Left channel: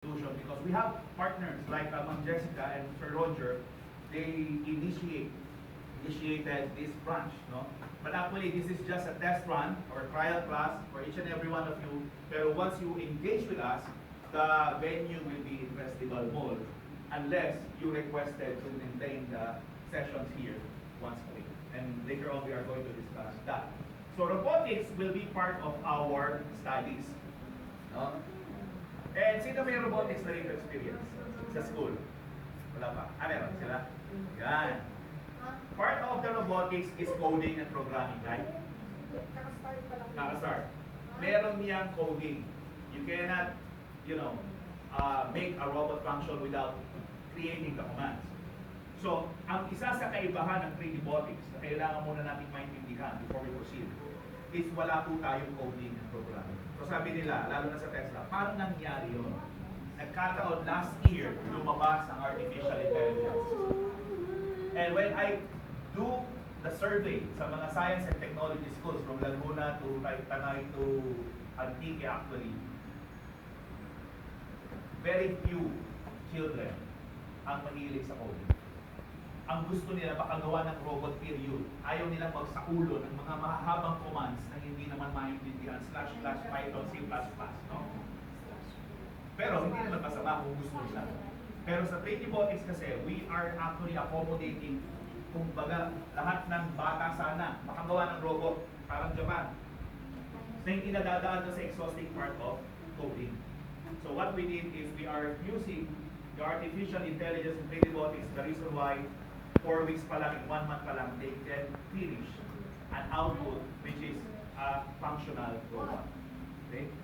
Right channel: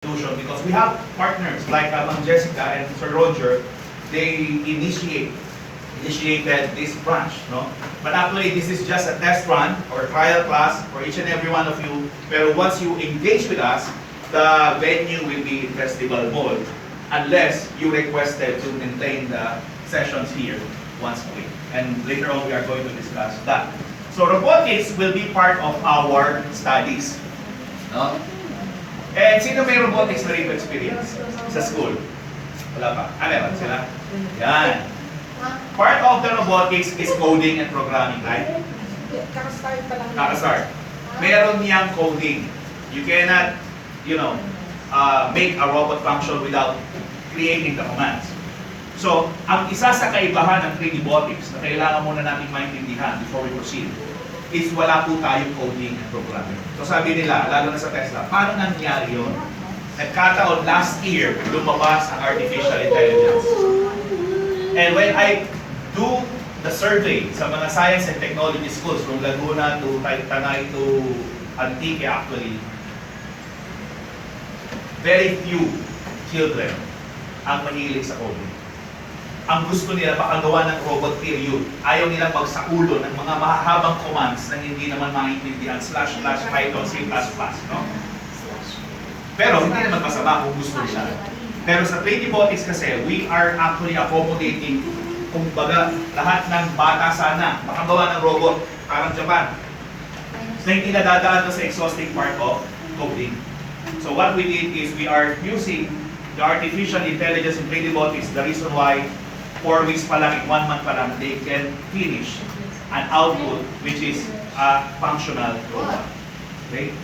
solution because we have partners like Ma'am Jessica and Sir Roger. They initiated this branch, no? But actually, this is just a test run or trial class for each and every one of you. Pero once you engage with us, the venue will be in Festival Mall unless you requested to maintain the sessions here once a week. And later on, we are going to discuss that. So robotics will be part of our studies. No? And sino may robotics na rito experience sa school? Wala pa? Meron sila? Yan. Part of the robotics is coding and programming, right? Kakastart pa lang. Kakastart. Meron niyang coding. You cannot, make a robot function without creating the commands. So, ang isa sa kaibahan ng 3D robotics na kailangan muna natin maintindihan before we proceed is wala po tayong coding and programming. So sabi nila, lalo na sa Tesla, paano nangyari yun? Nagkataon last year, lumabas ang artificial intelligence. And when I do the survey sa mga science and technology schools from Laguna to Tanay to Antique actually, very few children ang mahilig sa coding. Ang gusto nila makagawa ng robot period. Ayaw nilang magsaulo ng mga mahahabang commands na hindi naman maintindihan, // Python, C++, no? Pero hindi naman masama kung gusto nila. Pero sa 3D robotics kasi, we are actually accommodating, kumbaga, lahat ng bata sana makagawa ng robot, parang Japan, na hindi nadadaan sa exhausting part of coding. So what we did is we are using the artificial intelligence in 3D robotics, the reason why 4 weeks pa lang, 1 month pa lang, they can finish an output which is a functional robot. Okay?